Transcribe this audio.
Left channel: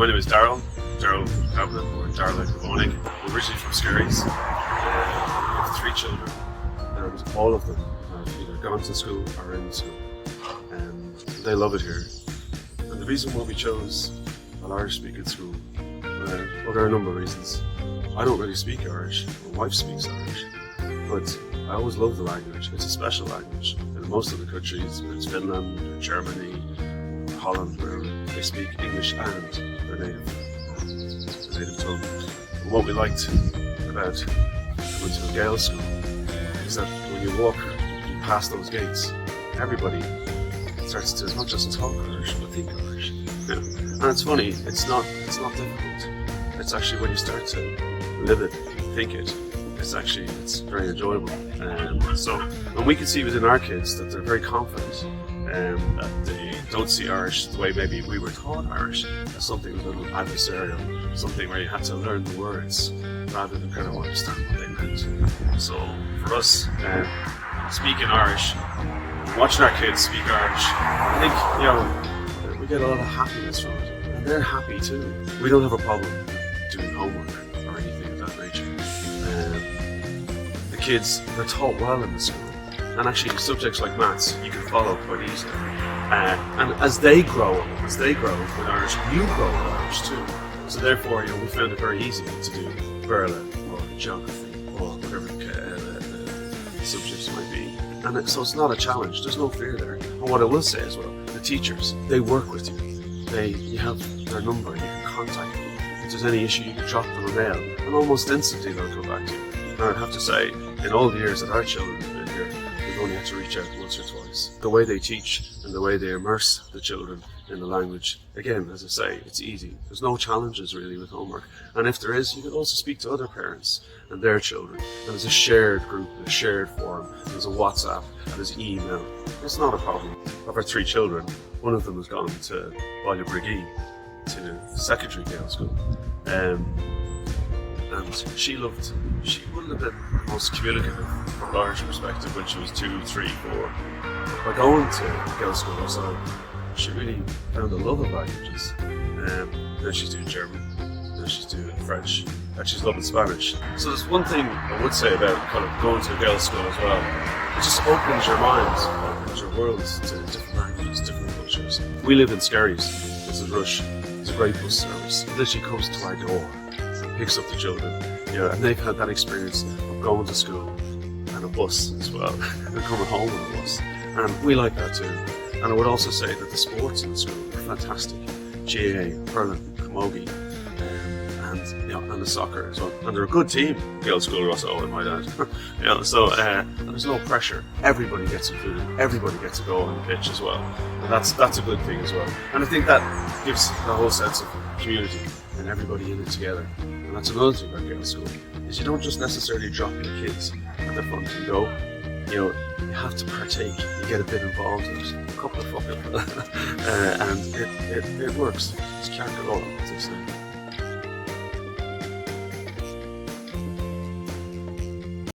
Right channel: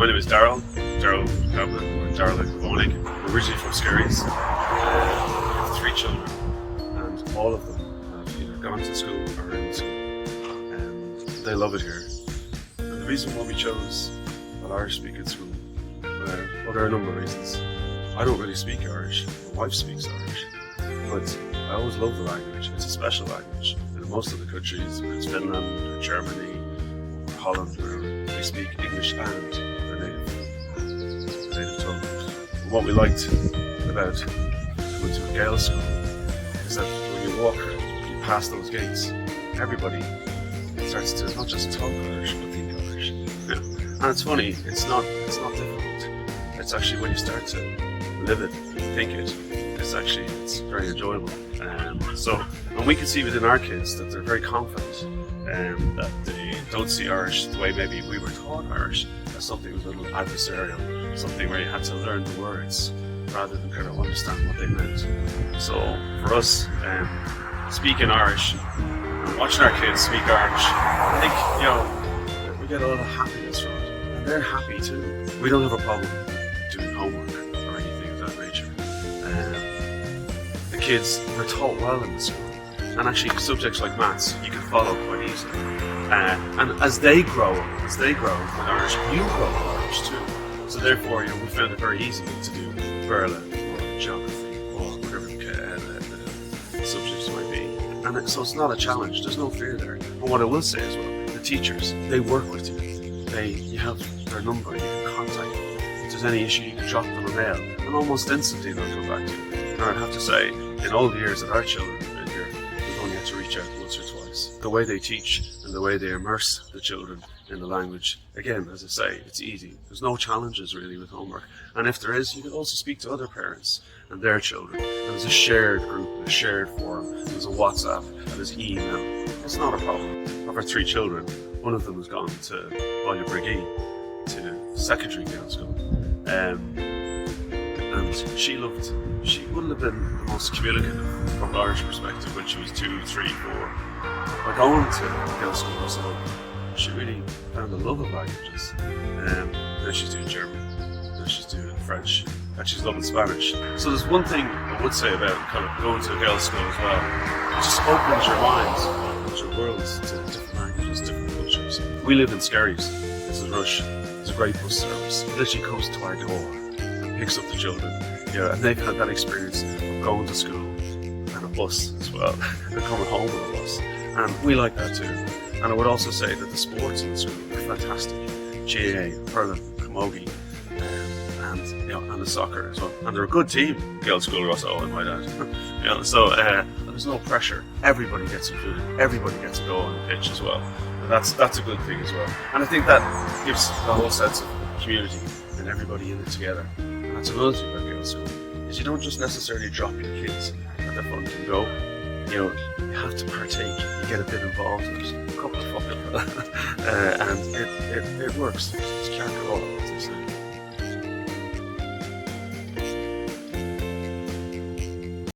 My name is Darrell Gavin, or Darrell Gavonig. We're originally from Skerries. We have 3 children, and all of them have either gone to school or are in school. And they love it here. And the reason why we chose an Irish-speaking school, well, there are a number of reasons. I don't really speak Irish. My wife speaks Irish, but I always love the language. It's a special language. In most of the countries, whether it's Finland or Germany or Holland, where they speak English and their native tongue. And what we liked about going to a Gaels school is that when you walk past those gates, everybody starts to not just talk Irish, but think Irish. And it's funny, it's not difficult. It's actually when you start to live it, think it, it's very enjoyable. And we can see within our kids that they're very confident, that they don't see Irish the way maybe we were taught Irish, as something a little adversarial, something where you had to learn the words rather than kind of understand what they meant. So for us, speaking Irish and watching our kids speak Irish, I think, we get a lot of happiness from it, and they're happy too. We don't have a problem doing homework or anything of that nature. The kids are taught well in the school, and actually subjects like maths you can follow quite easily. And as they grow with Irish, you grow with Irish too. So therefore, we found it very easy to do Darrell or geography or whatever the subjects might be. And so it's not a challenge. There's no fear there. And what I will say as well, the teachers, they work with you. You have their number, you can contact them. If there's any issue, you can drop them a mail, and almost instantly they'll come back to you. And I'd have to say, in all the years that our children have been here, we've only had to reach out once or twice. The way they teach and the way they immerse the children in the language, again, as I say, it's easy. There's no challenges really with homework. And if there is, you can also speak to other parents and their children. And there's a shared group, a shared forum, there's a WhatsApp, and there's email. It's not a problem. Of our 3 children, one of them has gone to Boilebriggy, to secondary Gaels school. And she wouldn't have been the most communicative from an Irish perspective when she was 2, 3, 4. But by going to Gaelscoil Ros Eo, she really found a love of languages. Now she's doing German, now she's doing French, and she's loving Spanish. So there's one thing I would say about kind of going to a Gaels school as well. It just opens your minds, opens your worlds to different languages, different cultures. We live in Skerries. This is Rush. It's a great bus service. It literally comes to our door and picks up the children. And they've had that experience of going to school and a bus as well, and coming home on a bus. And we like that too. And I would also say that the sports in the school are fantastic. GAA, hurling, camogie, and the soccer as well. And they're a good team, Gaelscoil Ros Eo, I might add. So there's no pressure. Everybody gets included. Everybody gets to go on the pitch as well. And that's a good thing as well. And I think that gives the whole sense of community and everybody in it together. And that's another thing about Gaels school, is you don't just necessarily drop your kids at the front and go. You have to partake. You get a bit involved. There's a couple of fucking and it works. It's can't go all.